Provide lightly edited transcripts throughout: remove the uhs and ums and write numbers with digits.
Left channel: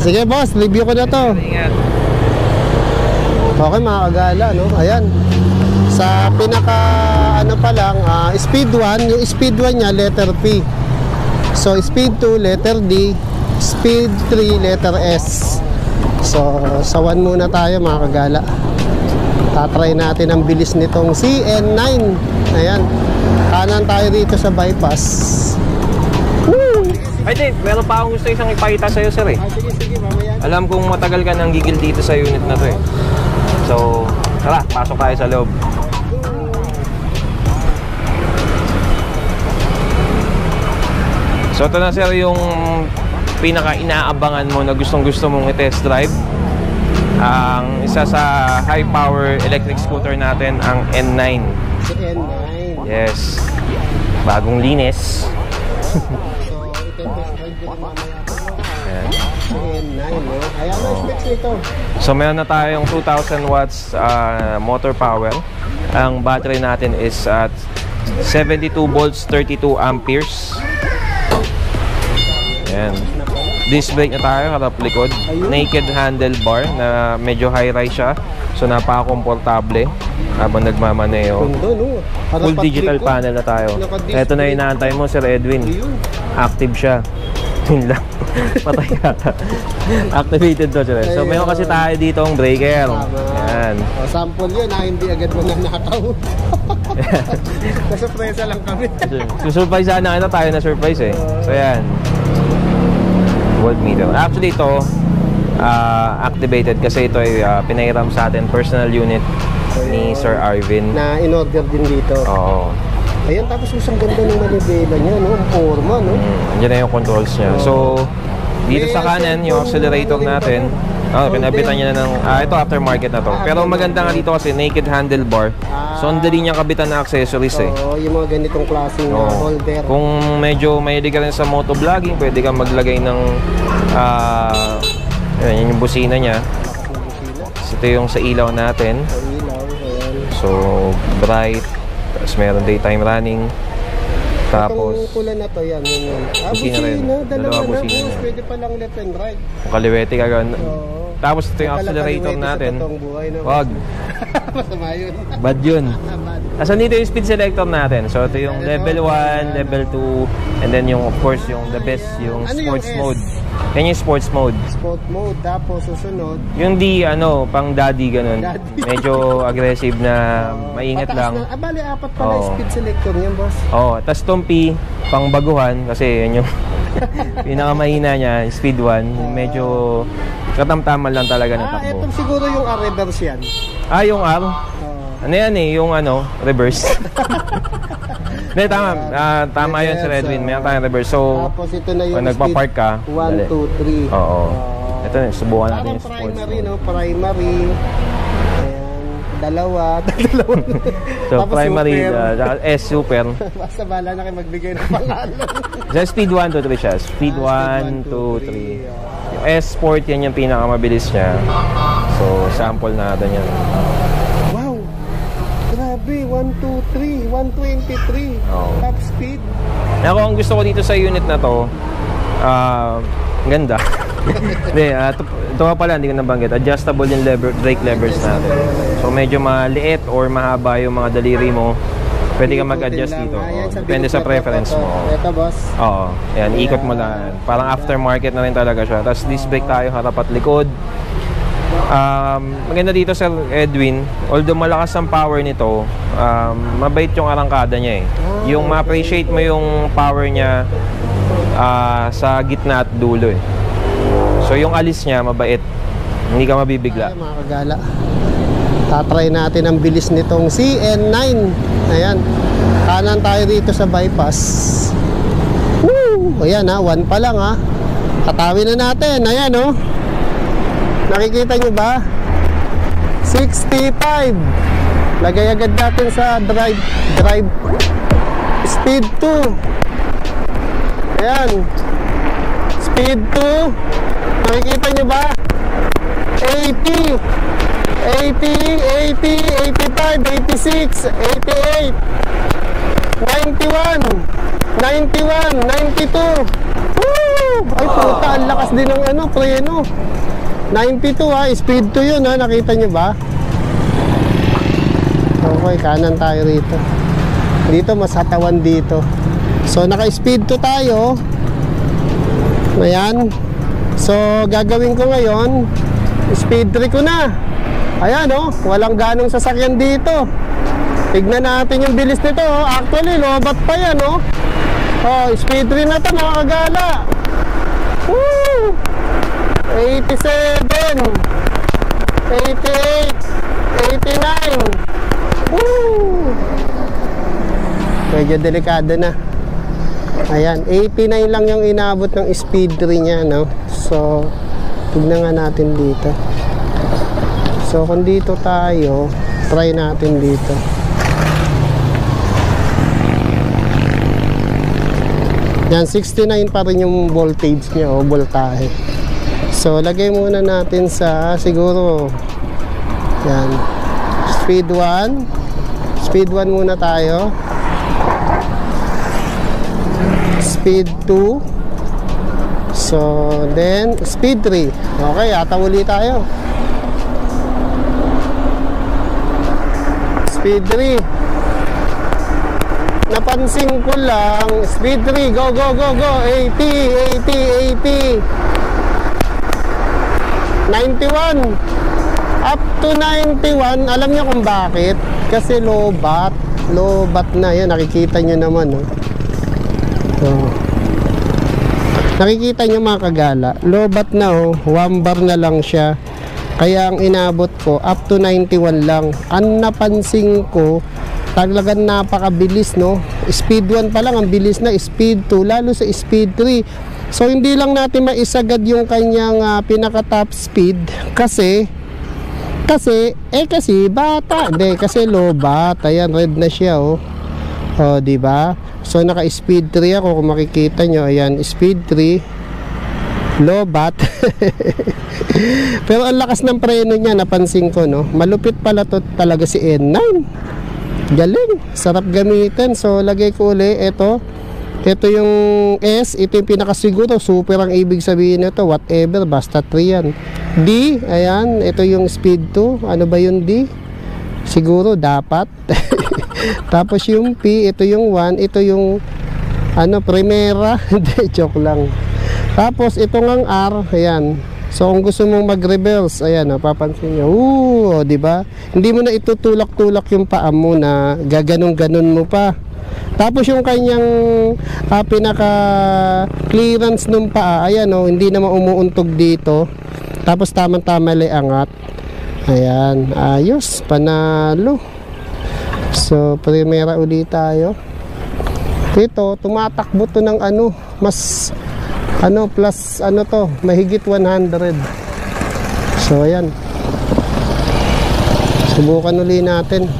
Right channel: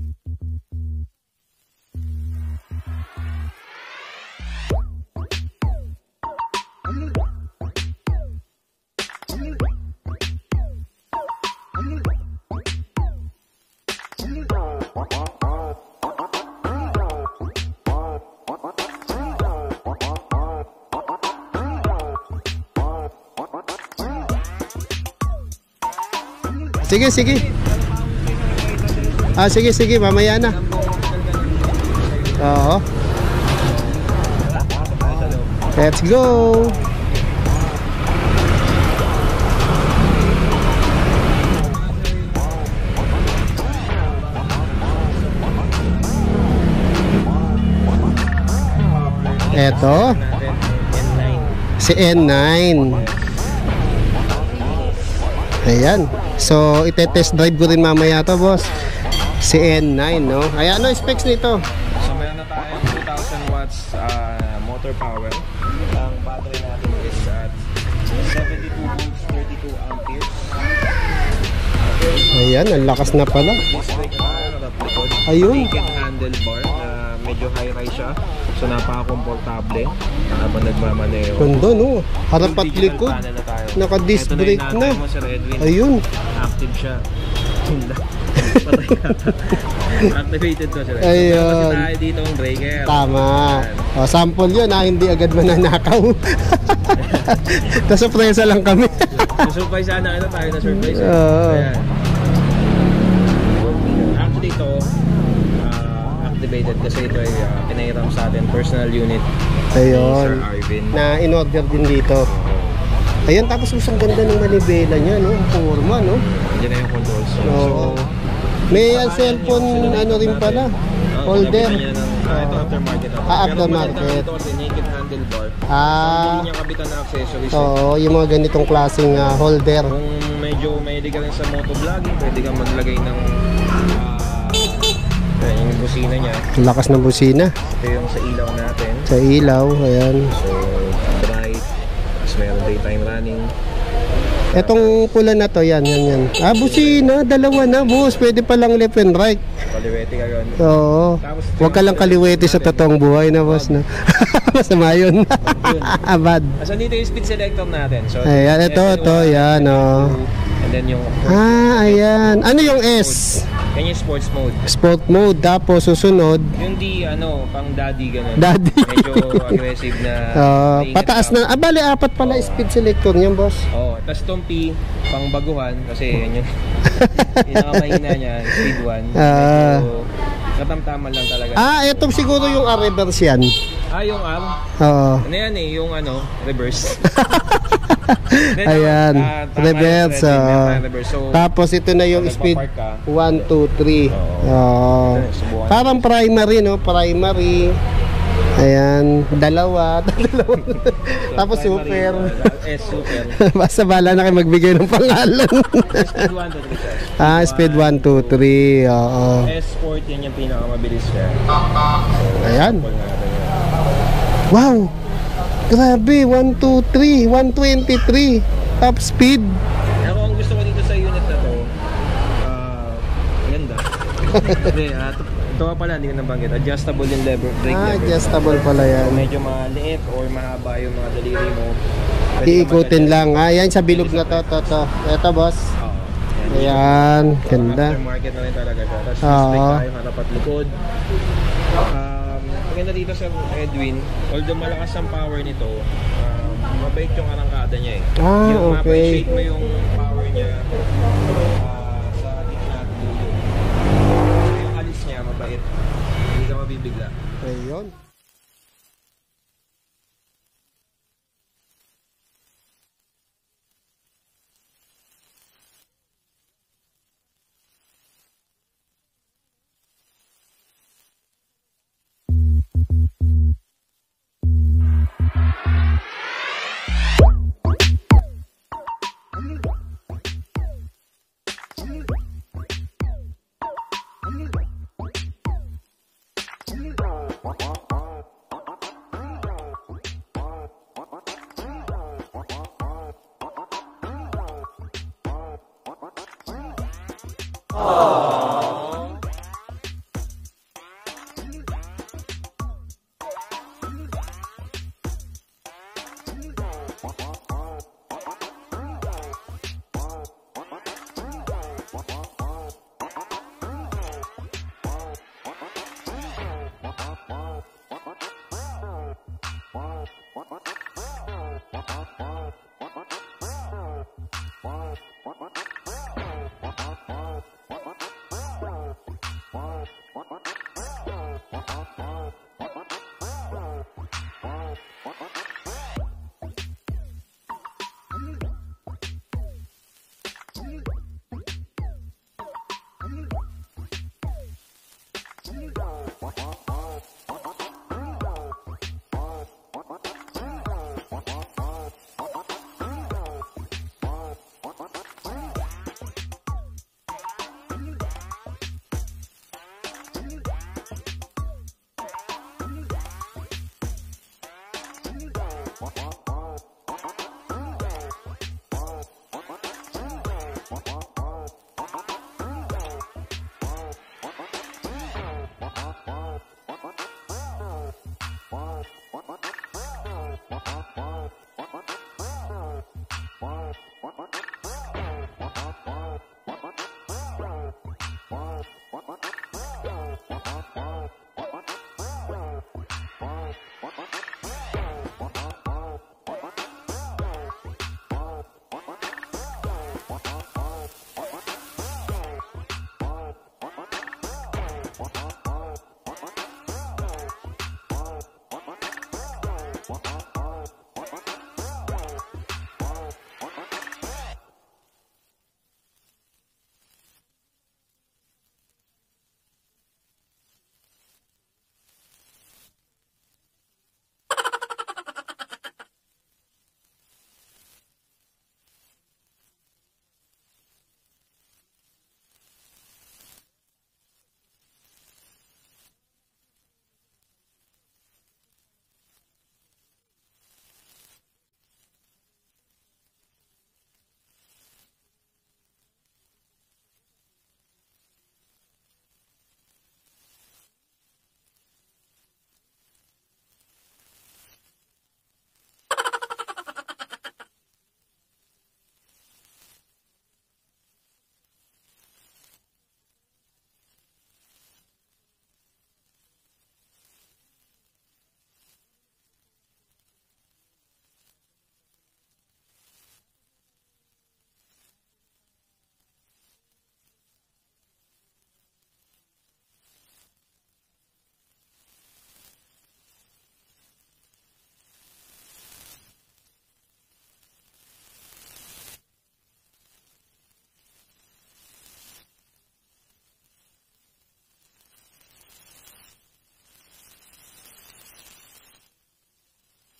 Sige boss, review ko na to. Ingat. Okay mga kagala, no? Ayan. Sa pinaka ano pa lang, speed 1, yung speed 1 nya letter P. So speed 2 letter D, speed 3 letter S. So sa 1 muna tayo mga kagala. Tatry natin ang bilis nitong CN9. Ayan. Kanan tayo dito sa bypass. Woo! Sige, sige. Ay, meron pa akong gusto isang ipakita sa'yo, sir, eh. Sige, sige. Mamaya na. Alam kong matagal ka nang gigil dito sa unit na to, eh. So, tara, pasok tayo sa loob. Let's go! So, ito na, sir, yung pinaka-inaabangan mo na gustong-gusto mong i-test drive. Ang isa sa high-power electric scooter natin, ang N9. Si N9. Yes. Bagong linis. Ayan. So, ite-test drive ko rin mamaya to, boss. Si N9, no? Ayan, ano specs nito? So, meron na tayong 2,000 watts motor power. Ang battery natin is at 72 volts, 32 amperes. Ayan, ang lakas na pala. Disc brake na tayo, harap likod. Ayun. Naked handlebar na medyo high-rise siya. So, napaka-komportable habang nagmamaneho. Ganda, no? Full digital panel na tayo. Ito na yung natay mo, Sir Edwin. Ayun. Active siya. Yun lang. Patay yata. Activated to, Sir. So, meron kasi tayo dito ang breaker. Tama. Ayan. Sample yun, hindi agad mananakaw. Surpresa lang kami. Surprise sana tayo na surprise, eh. So, yan. Meter. Actually ito activated kasi ito ay pinahiram sa atin personal unit ni Sir Arvin na in-order din dito. Oo. Ayan, tapos ang ganda ng manibela niya, no? Ang forma, no? Yan na yung controls niya. So dito sa kanan yung accelerator natin. Pinabitan niya na ng ito aftermarket na to. Pero maganda nga dito kasi naked handlebar. So ang dali niyang kabitan na accessories, eh. Oo, yung mga ganitong klaseng holder. Kung medyo mahilig ka rin sa motovlogging, pwede kang maglagay ng yun yung busina niya. Ang lakas ng busina. Ito yung sa ilaw natin. Sa ilaw, ayan. So bright. Tapos meron daytime running. Itong pula na to, yan. Busina, dalawa na, boss. Pwede palang left and right. Kaliwete ka gano'n. Oo. Tapos ito huwag ka lang kaliwete sa totoong buhay na, boss. Masama yun. Bad yun. Bad. So dito yung speed selector natin. So ayan, ito, yan. Level 2, and then yung of course yung ayan. Ano yung S? Mode. Yan yung sports mode. Sport mode. Tapos susunod yung D, pang daddy ganun. Daddy. Medyo aggressive na maingat pataas lang. na. Bali, apat pala speed selector niyan, boss. Tapos itong P, pang baguhan. Kasi yun yung pinakamahina niya, speed 1. Medyo katamtaman lang talaga. Ito siguro yung reverse yan. Yung R? Oo. Ano yan eh? Yung reverse. Ayan. Tama yan, meron tayong reverse. So, tapos ito na yung speed. Nagpa-park ka. 1, 2, 3. Oo. Ito, subukan. Parang primary, no? Primary. Ayan. Dalawa. So, tapos primary, super. S super. Basta bala na kayo magbigay ng pangalan. Speed 1, 2, 3 siya. Speed 1, 2, 3. Oo. S Sport, yan yung pinakamabilis niya. So, sample natin yan. Wow! Grabe, 1, 2, 3, 123. Top speed. Ako, ang gusto ko dito sa unit na to, ganda. Ito nga pala, hindi ko nabanggit. Adjustable yung brake levers na. Adjustable pala yan. So, medyo maliit or mahaba yung mga daliri mo. Pwede ka mag-adjust. lang. Yan sa depende sa preference mo. Ito, boss. Oo. Yan, ikot mo na. Parang ganda. Aftermarket na rin talaga siya. Tapos disc brake tayo, harap at likod. Maganda dito sa Edwin, although malakas ang power nito, mabait yung arangkada niya, eh. Yung ma-appreciate mo yung power niya sa gitna at dulo, eh. So yung alis niya mabait, hindi ka mabibigla. Mga kagala, tatry natin ang bilis nitong CN9. Ayan, kanan tayo dito sa bypass. Woo! Ayan, 1 pa lang, katawin na natin. Ayan, nakikita nyo ba? 65. Lagay agad natin sa drive speed 2. Ayan, speed 2. Nakikita nyo ba? 80, 85, 86, 88, 91, 92. Woo! Ay, puta, ang lakas din ng ano, preno. 92 ha, speed 2 yun ha, nakita nyo ba? Okay, kanan tayo rito. Dito, mas hatawan dito. So, naka-speed 2 tayo. Ayan. So, gagawin ko ngayon, speed 3 ko na. Ayan, oh, walang ganong sasakyan dito. Tignan natin yung bilis nito, oh. Actually, lobat pa yan, oh. Oh, speed 3 na ito, mga kagala. Woo! 87, 88, 89. Woo! Medyo delikado na. Ayan, 89 lang yung inabot ng speed 3 niya, no? So, tignan nga natin dito. So, kung dito tayo, try natin dito. Yan, 69 pa rin yung voltage niya o voltahe. So, lagay muna natin sa siguro yan, speed 1. Speed 1 muna tayo. Speed 2. So, then speed 3. Okay, atawuli tayo. Speed 3. Napansin ko lang, speed 3, go, go, go, go, 80, 80, 80, 91, up to 91, alam niyo kung bakit? Kasi lobat na yan, nakikita nyo naman, oh. So, nakikita nyo mga kagala, lobat na, oh, 1 bar na lang siya, kaya ang inabot ko, up to 91 lang. Ang napansin ko, talagang napakabilis, no? Speed 1 pa lang ang bilis na, speed 2 lalo sa speed 3. So hindi lang natin maisagad yung kanyang pinaka top speed kasi bata, hindi kasi low bat. Ayan, red na siya, oh. Oh, di ba? So naka speed 3 ako, kung makikita nyo, ayan, speed 3 low bat. Pero ang lakas ng preno niya, napansin ko, no? Malupit pala to talaga si N9. Galing, sarap gamitin. So lagay ko uli ito yung S, ito yung pinakasiguro, super ang ibig sabihin nito, whatever, basta 3 yan. D, ayan, ito yung speed 2. Ano ba yung D? Siguro dapat. Tapos yung P, ito yung 1, ito yung ano, primera. Hindi, joke lang. Tapos itong ang R, ayan. So kung gusto mong mag-reverse, ayan, papansin nyo, di ba? Hindi mo na itutulak-tulak yung paa mo na gaganong-ganon mo pa. Tapos yung kanyang pinaka-clearance ng paa, ayan, hindi naman umuuntog dito. Tapos tamang-tama lang angat. Ayan, ayos, panalo. So primera ulit tayo. Ito, tumatakbo to ng ano, mas plus to, mahigit 100. So ayan, subukan uli natin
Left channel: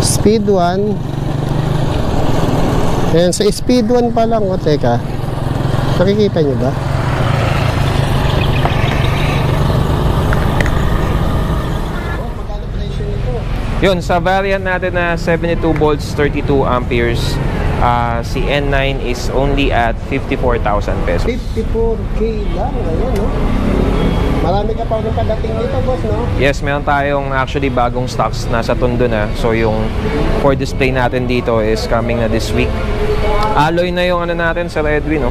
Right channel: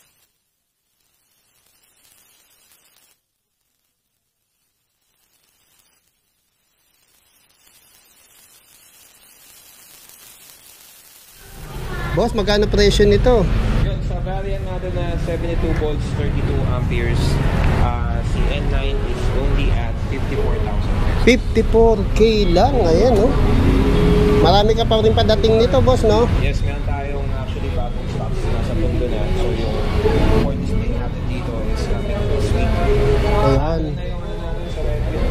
speed 1. Ayan, sa speed 1 pa lang, teka, nakikita nyo ba? Boss, magkano presyo nito? Yun, sa variant natin na 72 volts 32 amperes, si N9 is only at 54,000 pesos. 54K lang, ayan, Marami ka pa rin padating nito, boss, no? Yes, meron tayong actually bagong stocks nasa Tondo na. So yung for display natin dito is coming na this week. Alloy na yung ano natin sa Redwin,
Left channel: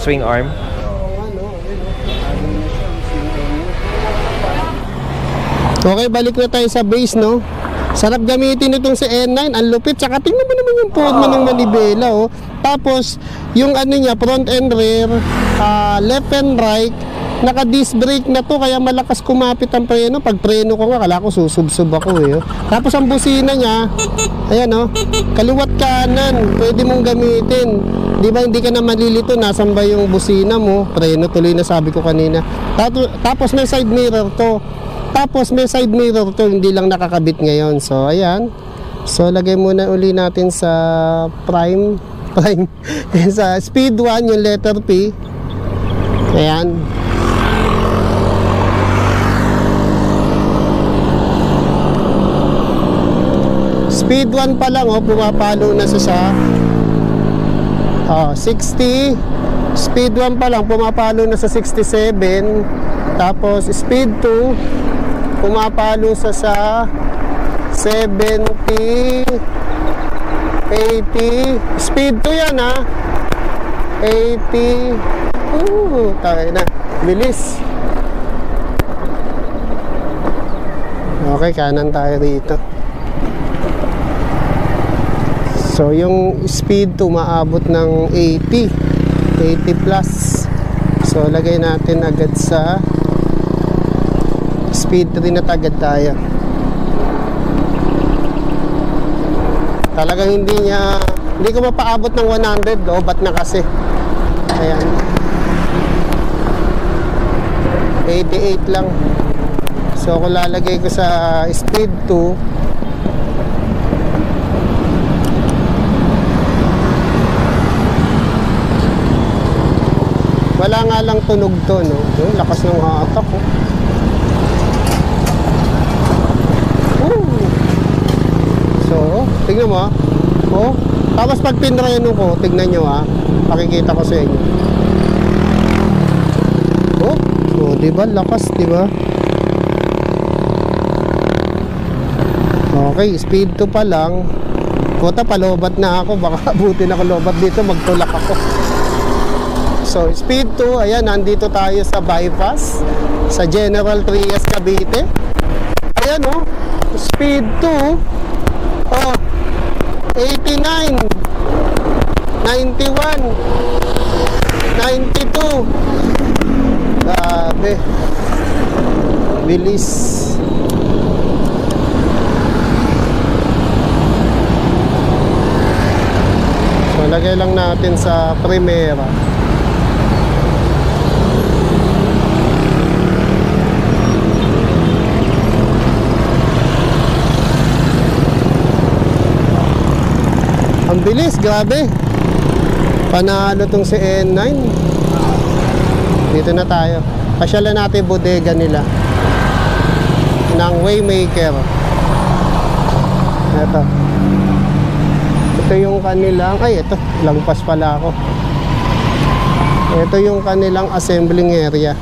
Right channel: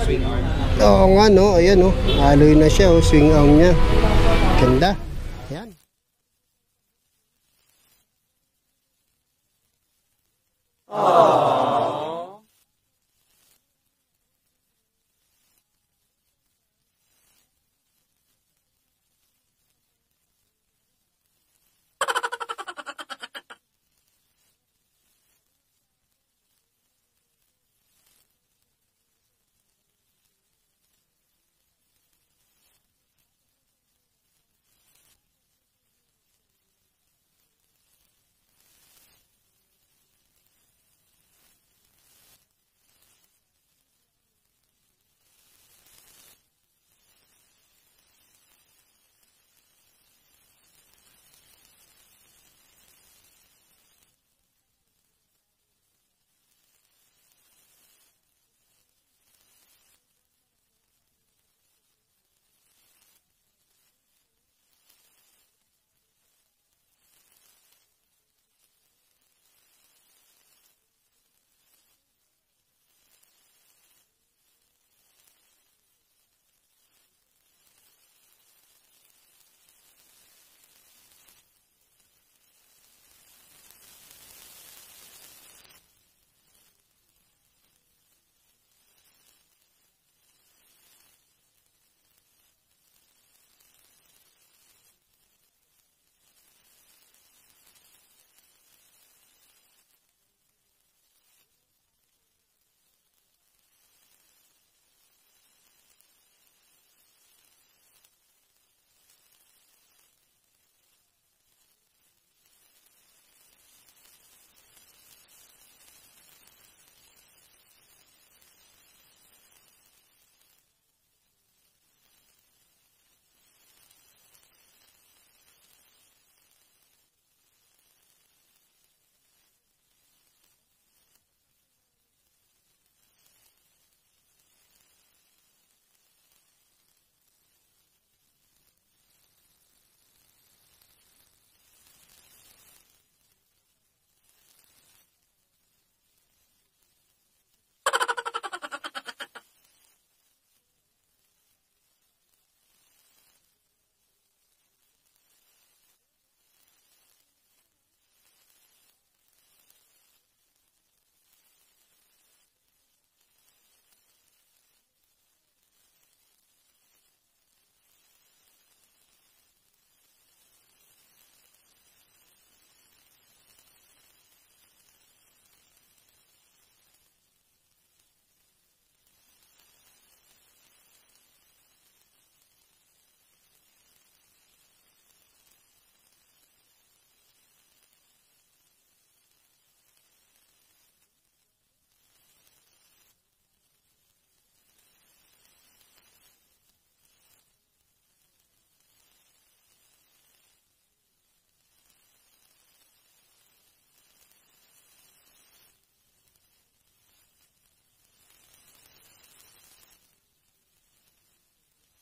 swing arm. Oo nga, no? Ayan, alloy na siya, swing arm niya. Ganda. Okay, balik na tayo sa base, no? Sarap gamitin itong si N9, ang lupit. Tsaka tingnan mo naman yung forma ng manibela, Tapos, yung ano niya, front and rear, left and right, naka-disc brake na to, kaya malakas kumapit ang preno. Pag preno ko nga, kala ko susubsub ako, Tapos ang busina niya, ayan, kaliwat kanan, pwede mong gamitin. Di ba, hindi ka na malilito, nasan ba yung busina mo? Preno tuloy na sabi ko kanina. Tapos may side mirror to. Hindi lang nakakabit ngayon. So, ayan. So, lagay muna uli natin sa prime. Sa speed 1, yung letter P. Ayan. Speed 1 pa lang, pumapalo na siya sa 60, Speed 1 pa lang, pumapalo na sa 67. Tapos speed 2, pumapalo sa 70, 80. Speed 2 yan ha. 80. Tayo na. Bilis. Okay, kanan tayo rito. So yung speed 2 maabot ng 80 plus. So lagay natin agad sa speed 3 na agad tayo. Talagang hindi ko mapaabot ng 100, lobat na kasi. Ayan, 88 lang. So kung lalagay ko sa speed 2, wala nga lang tunog to, no? Lakas ng hatak, oh. So, tignan mo, oh. Tapos pag pinreno ko, tignan nyo, pakikita ko sa inyo. Oh, diba? Lakas, diba? Okay, speed 2 pa lang. Puta, palobat na ako. Baka abutin ako lobat dito, magtulak ako. So, speed 2, ayan, nandito tayo sa bypass sa General Trias, Cavite. Ayan, oh, speed 2, 89, 91, 92. Grabe. Bilis. So, lagay lang natin sa Primera. Ang bilis, grabe. Panalo tong si N9. Dito na tayo. Pasyalan natin bodega nila ng Waymaker. Ito yung kanilang, ito, langpas pala ako. Ito yung kanilang assembling area.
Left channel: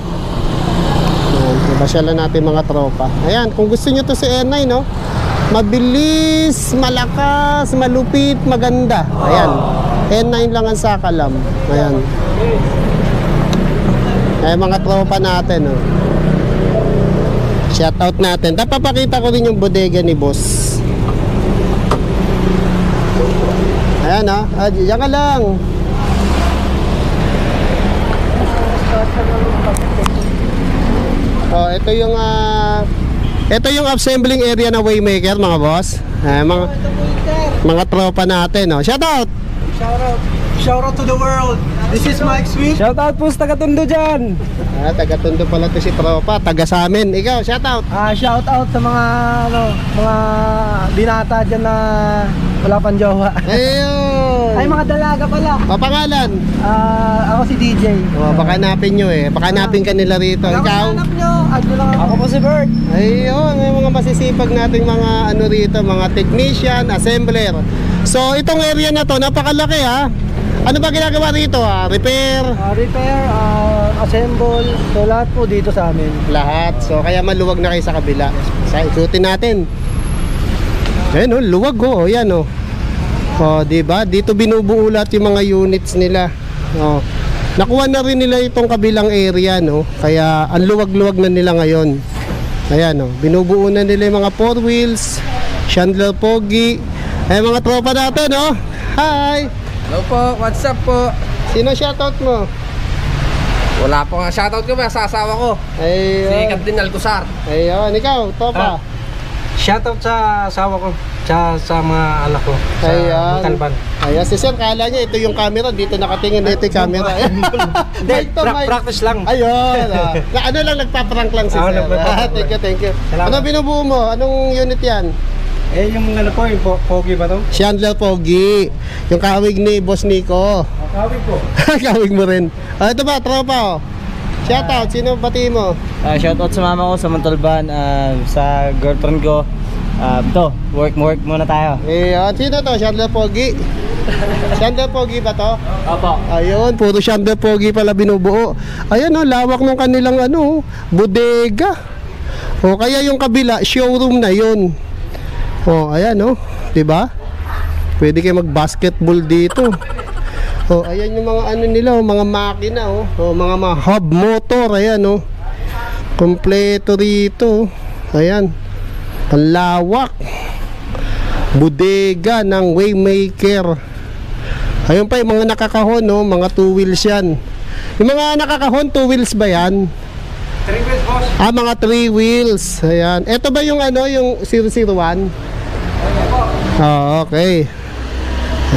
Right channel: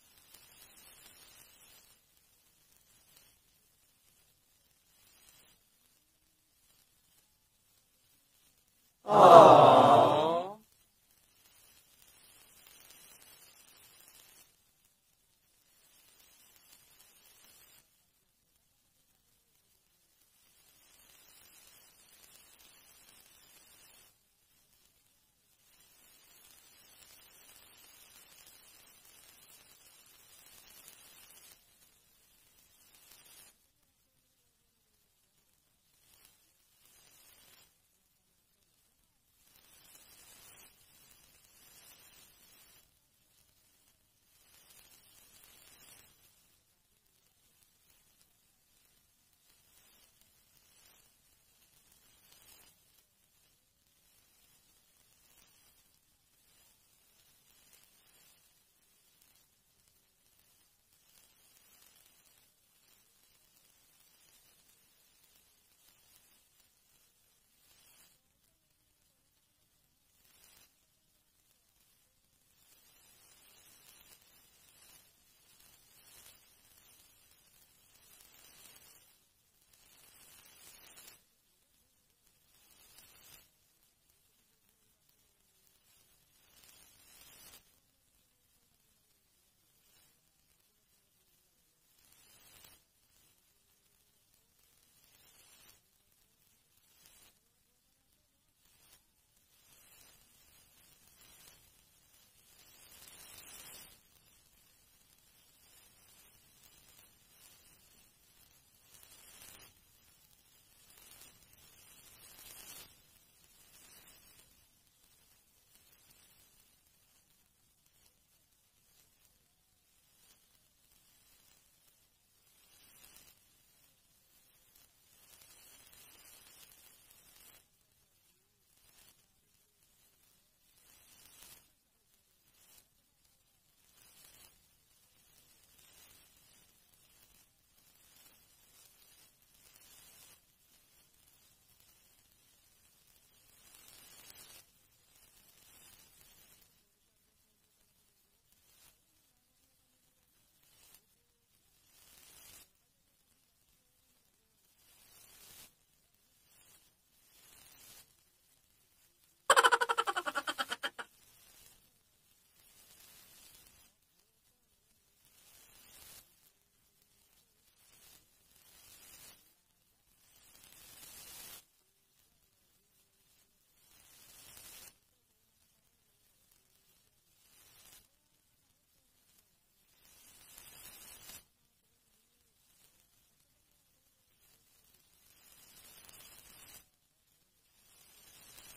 Pasyalan natin mga tropa. Ayan, kung gusto nyo to si N9, no? Mabilis, malakas, malupit, maganda. Ayan. N9 lang ang sakalam. Ayan. Ayan mga tropa natin, oh. Shout out natin. Papakita ko rin yung bodega ni boss. Ayan, oh. Diyan ka lang. Oh, ito yung assembling area na Waymaker, mga boss. Mga tropa natin, oh. Shout out. Shout out to the world. This is Mike Sweet. Shout out po sa taga-Tondo dyan. Taga-Tondo pala to si tropa, taga sa amin. Ikaw, shout out. Shout out sa mga mga binata dyan na wala pang jowa. Ayun. Ay, mga dalaga pala. Papangalan? Ako si DJ. Baka hanapin nyo Baka hanapin ka nila rito. Ikaw? Hanap nyo. Ako po si Bert. Ayun, may mga masisipag nating mga ano rito, mga technician, assembler. So, itong area na to, napakalaki ha. Ano ba ginagawa rito ha? Repair? Repair, assemble. So, lahat po dito sa amin. Lahat. So, kaya maluwag na kayo sa kabila. So, ikutin natin. Ayan luwag oh. Ayan oh. Oh, diba? Dito binubuo lahat yung mga units nila. Oh. Nakuha na rin nila itong kabilang area, no? Kaya ang luwag-luwag na nila ngayon. Ayan, no? Binubuo na nila yung mga 4 wheels, Chandler Pogi. Ay mga tropa natin, no? Hi! Hello po, what's up po? Sino shoutout mo? Wala po nga shoutout ko ba sa asawa ko? Ayun. Si Captain Alcosar. Ayun, ikaw, tropa. Shout out sa asawa ko. Sa mga anak ko. Sa Montalban. Ayan, si Sir, kala niya ito yung camera. Dito nakatingin na ito yung camera. Practice lang. Ayun. Ano lang, nagpa-prank lang si Sir. Thank you. Ano binubuo mo? Anong unit yan? Yung ano po, yung Pogi ba to? Chandler Pogi. Yung kawig ni Boss Nico. Kawig po. Kawig mo rin. Ito ba, tropa? Shout out, sino pati mo? Shout out sa mama ko sa Montalban, sa girlfriend ko. Work muna tayo. Sino to? Chandler Pogi. Shander Pogi ba to? Opo. Ayun, puro Shander Pogi pala binubuo. Ayan lawak ng kanilang bodega. O kaya yung kabila, showroom na yun. O ayan 'di ba? Pwede kayo mag-basketball dito. O ayan yung mga nila, mga makina mga hub motor, ayan Kompleto rito. Ayan. Ang lawak. Bodega ng Waymaker. Ayun pa yung mga nakakahon, mga 2 wheels yan. Yung mga nakakahon, 2 wheels ba yan? 3 wheels, boss. Mga 3 wheels. Ayan. Ito ba yung yung 001? Okay.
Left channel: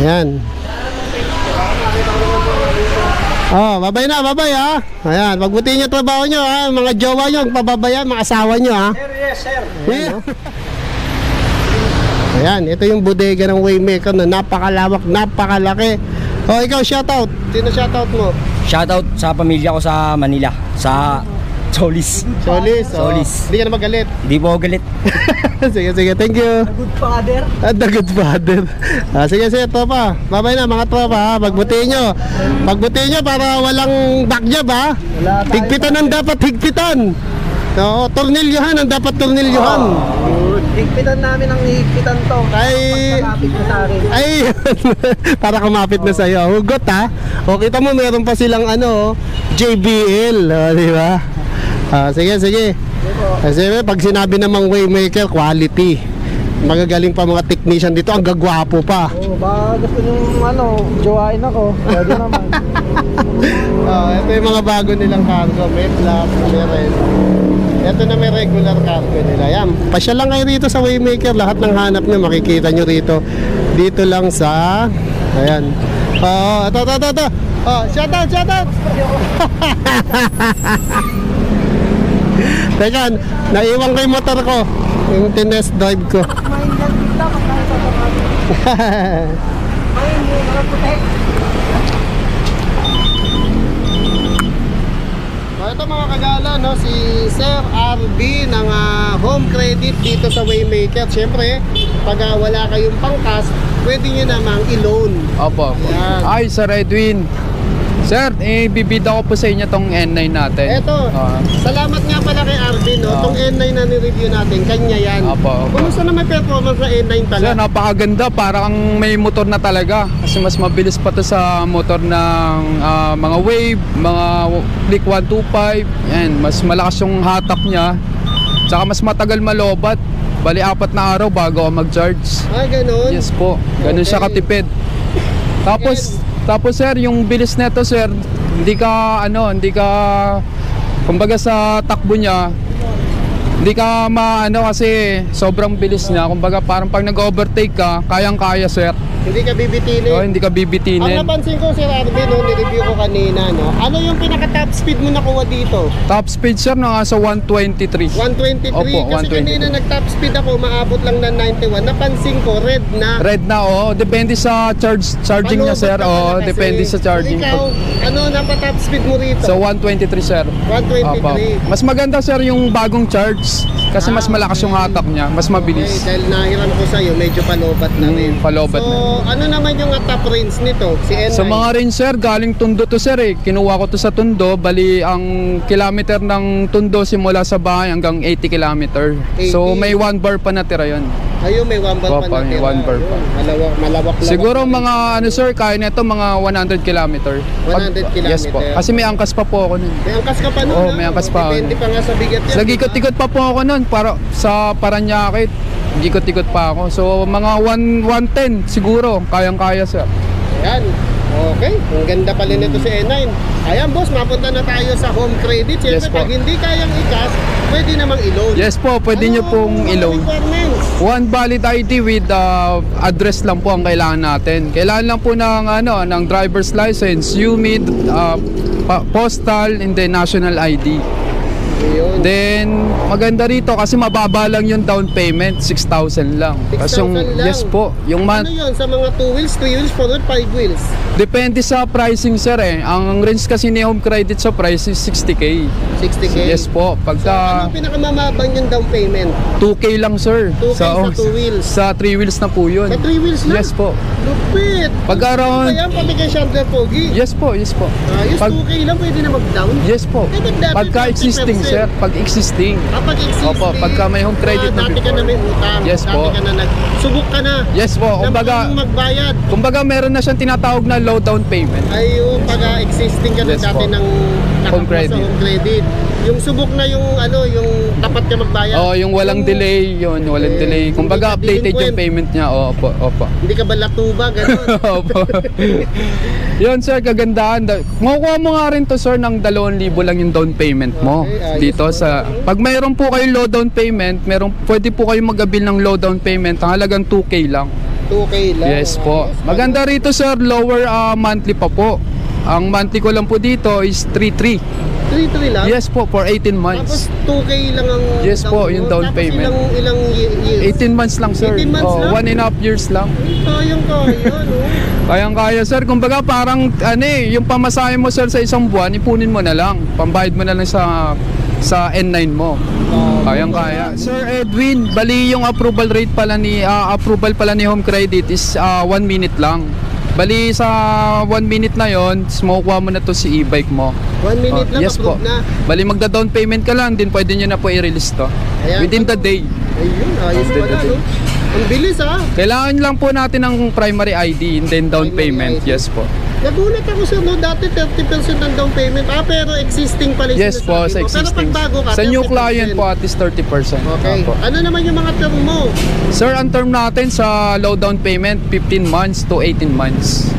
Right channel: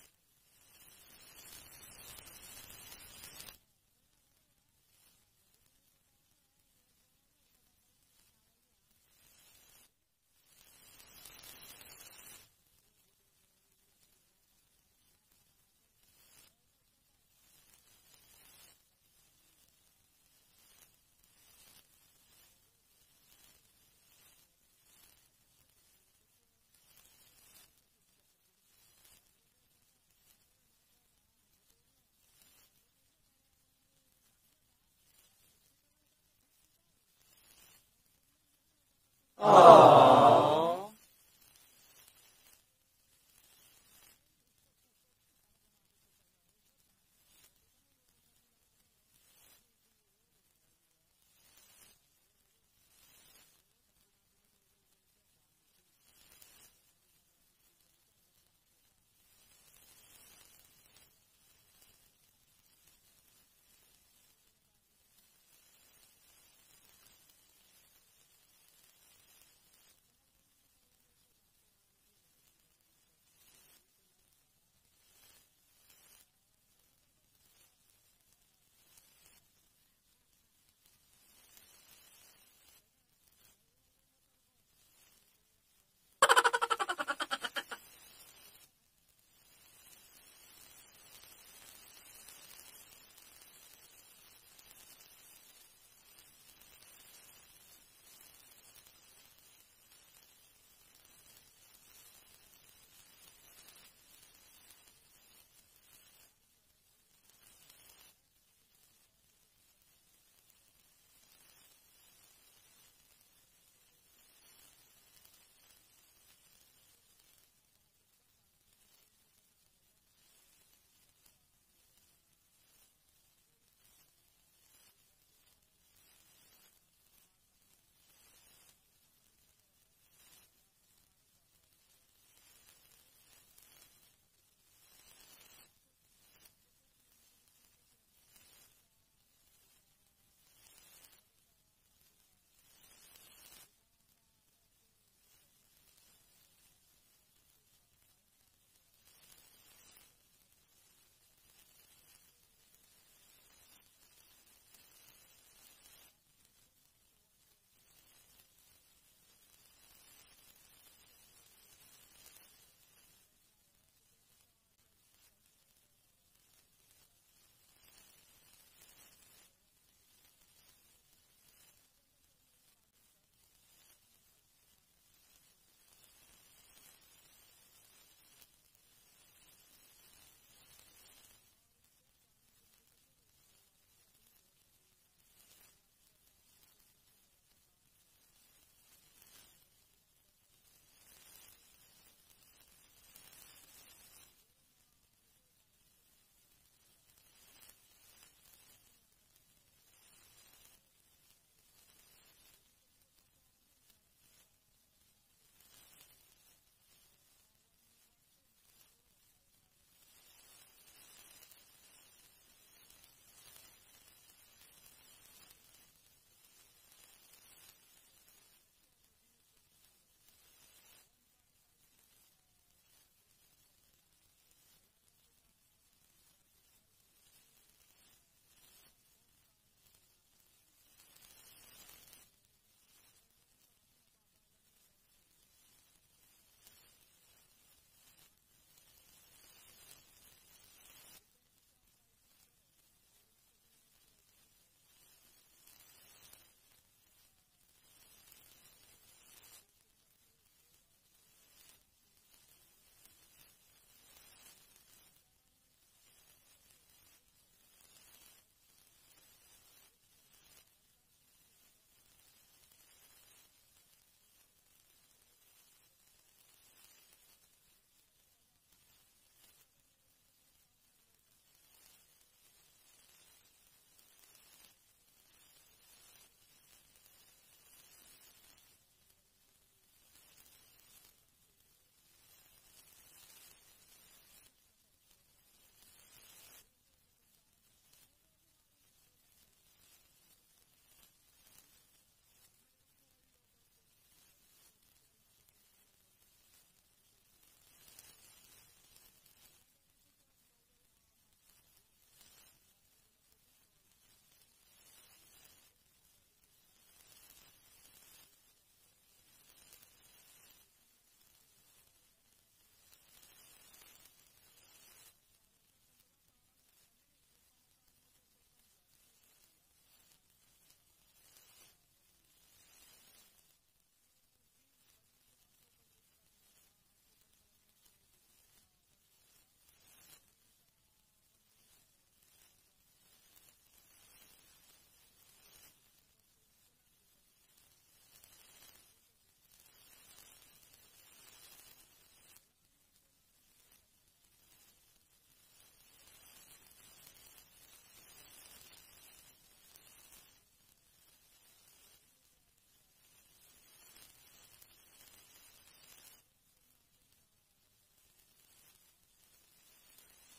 Ayan. Babay na, babay ha. Ayan, magbutihin nyo trabaho nyo ha. Mga jowa nyo, pababayan, mga asawa nyo ha. Sir, yes, sir. Ayan, Ayan, ito yung bodega ng Waymaker na napakalawak, napakalaki. Ikaw, shoutout. Sino shoutout mo? Shoutout sa pamilya ko sa Manila, sa Solis. Solis. Solis. Hindi ka na magalit. Hindi po ako galit. Sige, thank you. Good father. The good father. Sige, tropa. Babay na mga tropa ha. Magbutihin nyo. Magbutihin nyo para walang backjab ha. Higpitan ang dapat higpitan. Oo, tornilyohan ang dapat tornilyohan. Higpitan namin ang higpitan to. Ay, Kapit mo sa akin. ay, para kumapit na sa'yo. Hugot ha. O, kita mo meron pa silang JBL. Di ba? Sige. Kasi pag sinabi namang Waymaker, quality. Magagaling pa mga technician dito, ang gagwapo pa. Baka gusto nyo jowain ako. Pwede naman. Ito yung mga bago nilang cargo. May plus, may red. Ito na may regular cargo nila. Yan, pasyal lang kayo rito sa Waymaker. Lahat ng hanap nyo, makikita nyo rito. Dito lang sa... Ayan. Ito. Shoutout! Teka, naiwan ko yung motor ko. Yung tinest drive ko. Ito mga kagala, si Sir RB ng Home Credit dito sa Waymaker. Siyempre, pag wala kayong pangkas, pwede nyo namang i-loan. Opo. Ayan. Ay, Sir Edwin. Sir, bibida ko po sa inyo tong N9 natin. Eto, salamat nga pala kay RB, Tong N9 na ni-review natin, kanya yan. Opo. Kumusta naman performance ng N9 pala? Sir, napakaganda. Parang may motor na talaga. Kasi mas mabilis pa to sa motor ng mga Wave, mga Click 125. Yan, mas malakas yung hatak niya. Tsaka mas matagal malobat. Bali, 4 na araw bago ako mag-charge. Ganun? Yes po. Ganun siya katipid. Tapos sir, yung bilis nito sir, hindi ka kumbaga sa takbo niya, hindi ka kasi sobrang bilis niya. Kumbaga parang pag nag-overtake ka, kayang-kaya sir. Hindi ka bibitinin? Hindi ka bibitinin. Ang napansin ko, Sir RB, ni-review ko kanina, ano yung pinaka-top speed mo nakuha dito? Top speed sir, nasa 123. 123? Opo, Kasi 123. kanina nag-top speed ako, maabot lang ng 91. Napansin ko, red na. Red na, depende sa charging niya sir. Palobat ka pala Depende kasi. sa charging. Ikaw, napa-top speed mo rito? So 123 sir. 123. Opo. Mas maganda sir yung bagong charge kasi mas malakas yung hatak niya, mas mabilis. Okay, dahil nahiram ko sa'yo, medyo palobat na rin. Palobat so, na. ano naman yung top range nito, si N9? Sa mga rin sir, galing Tondo to sir Kinuha ko to sa Tondo, bali ang kilometer ng Tondo simula sa bahay hanggang 80 kilometer. 80. So may 1 bar pa natira yon. Ayun, may 1 bar pa Opo, may natira. 1 bar pa. Malawak. Siguro mga sir, kaya nito mga 100 kilometer. 100 kilometer. Yes po. Kasi may angkas pa po ako nun. May angkas ka pa nun? Oo, may angkas pa ako. Depende pa nga sa bigat yan. Nag-ikot-ikot pa po ako nun para sa Paranaque. Ikot-ikot pa ako. So mga 110 siguro, kayang-kaya sir. Ayan. Okay. Ang ganda pala nito si N9. Ayan boss, mapunta na tayo sa Home Credit. Siyempre, Yes po. pag hindi kayang ikas, pwede namang i-loan. Yes po, pwede nyo pong i-loan. Requirements? One valid ID with address lang po ang kailangan natin. Kailangan lang po ng driver's license, UMID, postal, and then national ID. Ayun. Then, maganda rito kasi mababa lang yung down payment, 6,000 lang. Kasi 6,000 lang? yes po, yung Ano yun? Sa mga 2 wheels, 3 wheels, 4 wheels, 5 wheels? depende sa pricing sir eh. Ang range kasi ni Home Credit sa price is 60K. 60K? Yes po, So, pagka ano pinakamamabang yung down payment? 2K lang sir. 2K sa 2 wheels? Sa 3 wheels na po yun. Sa 3 wheels lang? Yes po. Lupit! Pag around, Kaya pati kay Chandler Pogi? yes po, yes po. Ayos, Pag- 2K lang pwede na mag-down? Yes po. Eh, ba't dati Pagka 50%? existing sir, pag existing. Kapag existing, Opo, pagka may home credit na dati ka na before. may utang, Yes dati po. ka na subok ka na, Yes po, na kumbaga, marunong magbayad. kumbaga meron na siyang tinatawag na low down payment. Ayun, pagka existing ka na Yes dati po. ng Home nakakuha credit. sa home credit. Yung subok na yung yung tapat ka magbayad. Oh, yung walang delay, yun, walang Eh, delay. Kumbaga hindi ka updated yung delinquent. payment niya. Opo, opo. Hindi ka ba latuba, gano'n? Opo. Yun sir, kagandahan. Makukuha mo nga rin to sir ng 2,000 lang yung down payment mo. Okay, ayos Dito po. sa pag mayroon po kayong low down payment, pwede po kayong mag-avail ng low down payment. Ang halagang 2K lang. 2K lang. Yes po. Maganda rito sir, lower monthly pa po. Ang monthly ko lang po dito is 3,300. 3 lang? Yes po, for 18 Tapos months. 2K lang ang Yes po, yung down Tapos payment. ilang years? 18 months lang sir. 18 months lang? 1.5 years lang. Sayang kaya, no? Kayang-kaya sir, kumbaga parang yung pamasahe mo sir sa isang buwan, ipunin mo na lang. Pambayad mo na lang sa N9 mo. Kayang-kaya. Sir Edwin, bali yung approval pala ni Home Credit is 1 minute lang. Bali sa 1 minute na yon, makukuha mo na to si e-bike mo. 1 minute lang, Yes po. approve na. Bali magda-down payment ka lang, din pwede nyo na po i-release to. Ayan. Within the day. Ayun, ayos pala, no? Ang bilis, ha? Kailangan lang po natin ng primary ID and then down Primary payment. ID. Yes po. Nagulat ako sir, no? Dati 30% ng down payment. Pero existing pala yung Yes po, sinasabi sa mo. existing. Pero pag bago ka, Sa new 30%. client po at least 30%. Okay. Opo. Ano naman yung mga term mo? Sir, ang term natin sa low down payment, 15 months to 18 months.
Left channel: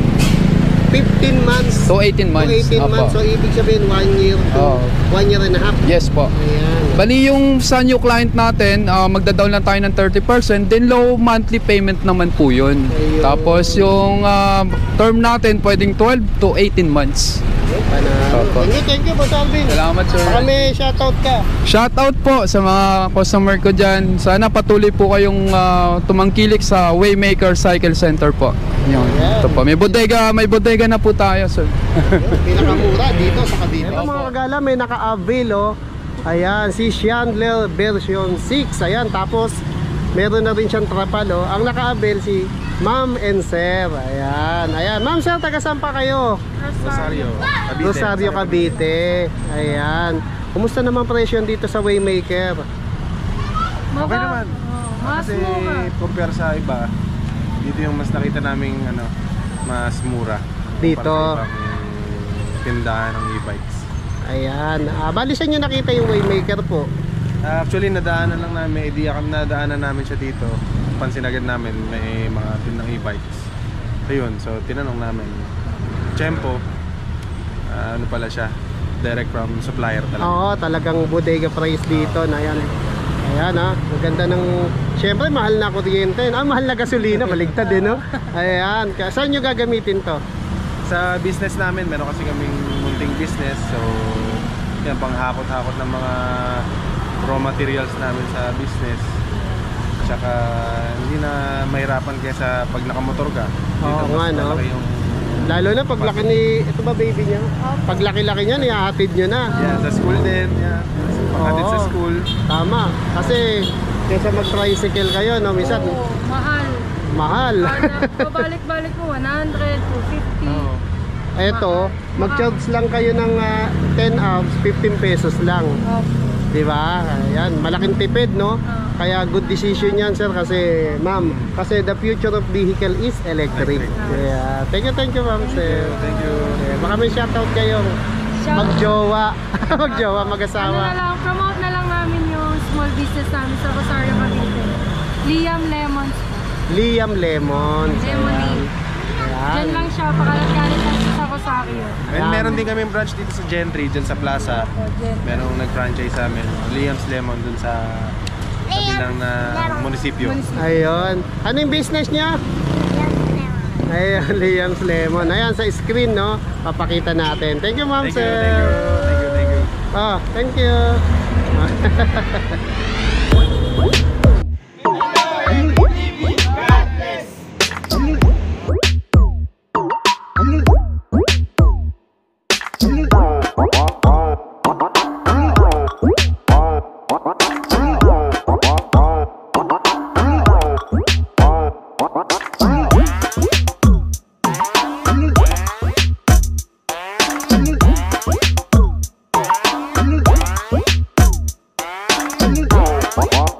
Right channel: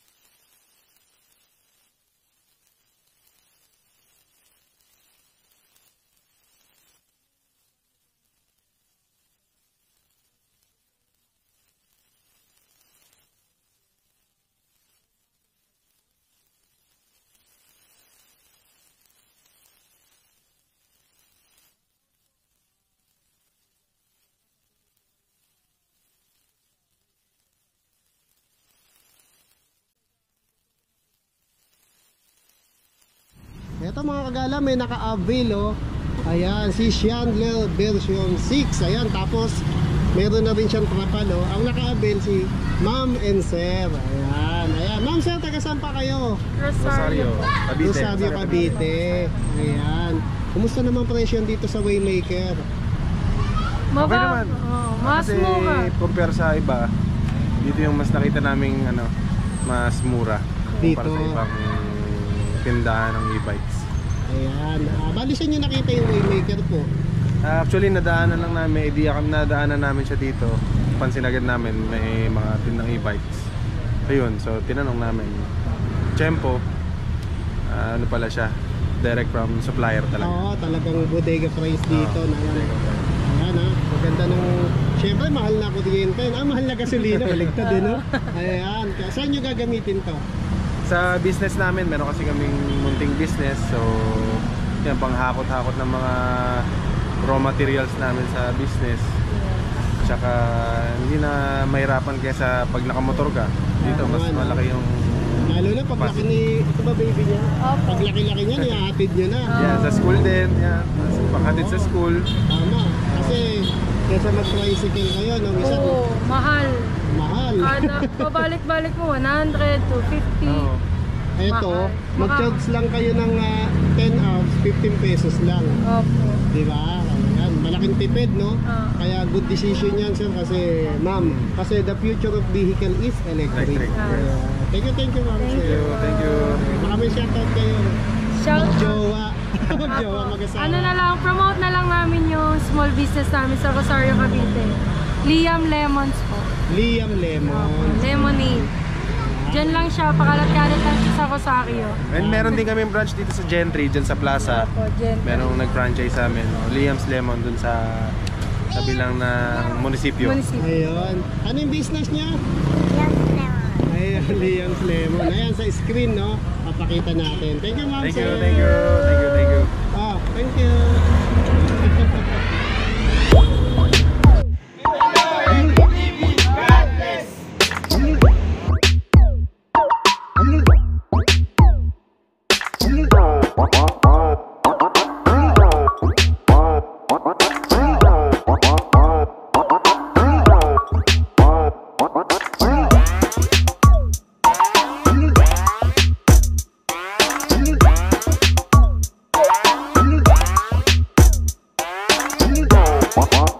15 months To 18 months. to 18 Opo. months. So, ibig sabihin 1 year to Oo. 1 year and a half. Yes po. Ayan. Bali yung sa new client natin, magda-down lang tayo ng 30%, then low monthly payment naman po yun. Ayun. Tapos yung term natin pwedeng 12 to 18 months. Opo. Thank you, Boss Alvin. Salamat sir. Baka may shoutout ka. Shoutout po sa mga customer ko dyan. Sana patuloy po kayong tumangkilik sa Waymaker Cycle Center po. Yun. Ito po. May bodega na po tayo sir. Pinakamura dito sa Cavite. Ito mga kagala, may naka-avail, oh. Ayan, si Chandler version 6. Ayan, tapos meron na rin siyang trapal, oh. Ang naka-avail si Ma'am and Sir. Ayan, ayan. Ma'am, Sir, taga saan pa kayo? Rosario. Cavite. Rosario, Cavite. Ayan. Kumusta naman presyo dito sa Waymaker? Okay naman. Mas Kasi mura. compare sa iba, dito yung mas nakita naming mas mura. Dito. Kumpara sa ibang tindahan ng e-bikes. Ayan. Bali saan nyo nakita yung Waymaker po? Actually, nadaanan lang namin, may idea kami, nadaanan namin siya dito. Pansin agad namin may mga tindang e-bikes. Ayun, so tinanong namin. Tiyempo, ano pala siya, direct from supplier talaga. Oo, talagang bodega price dito na yan. Ayan, ha. Maganda ng... Siyempre, mahal na kuryente. Mahal na gasolina. Baligtad din, no? Ayan. Saan nyo gagamitin to? Sa business namin, meron kasi kaming munting business. So, yan, panghakot-hakot ng mga raw materials namin sa business. Tsaka, hindi na mahirapan kaysa pag nakamotor ka. Dito, Oo, mas nga, no? malaki yung... Lalo na paglaki ni... Ito ba baby niya? Paglaki-laki niya, nihahatid nyo na. Yan, sa school din. Yan, panghatid sa Oo. school. Tama. Kasi, kaysa mag-tricycle kayo, no? Minsan, Oo, mahal. mahal. Pabalik-balik mo, 100, 250. Oo. Eto, mag-charge lang kayo ng 10 hours, 15 pesos lang. Opo. Di ba? Ayan, malaking tipid, no? Ah. Kaya good decision yan, sir, kasi ma'am, kasi the future of vehicle is electric. Electric. Yeah. Thank you, ma'am, sir. Thank you. Baka may shoutout kayo. Shout Mag-jowa. Mag-jowa, mag-asawa. Ano na lang, promote na lang namin yung small business namin sa Rosario, Cavite. Liam Lemons po. Liam Lemon. Lemonade. Diyan lang siya, pakalat-kalat lang siya sa Rosario. And meron din kami branch dito sa Gentry, dyan sa plaza. Opo, dyan. Merong nag-franchise sa amin, Liam's Lemon, dun sa kabilang na munisipyo. Ayun. Ano yung business niya? Ayun, Liam's Lemon. Ayan, sa screen, no? Papakita natin. Thank you, ma'am, Thank you, sir. thank you, thank you, thank you. Ah, thank you. What?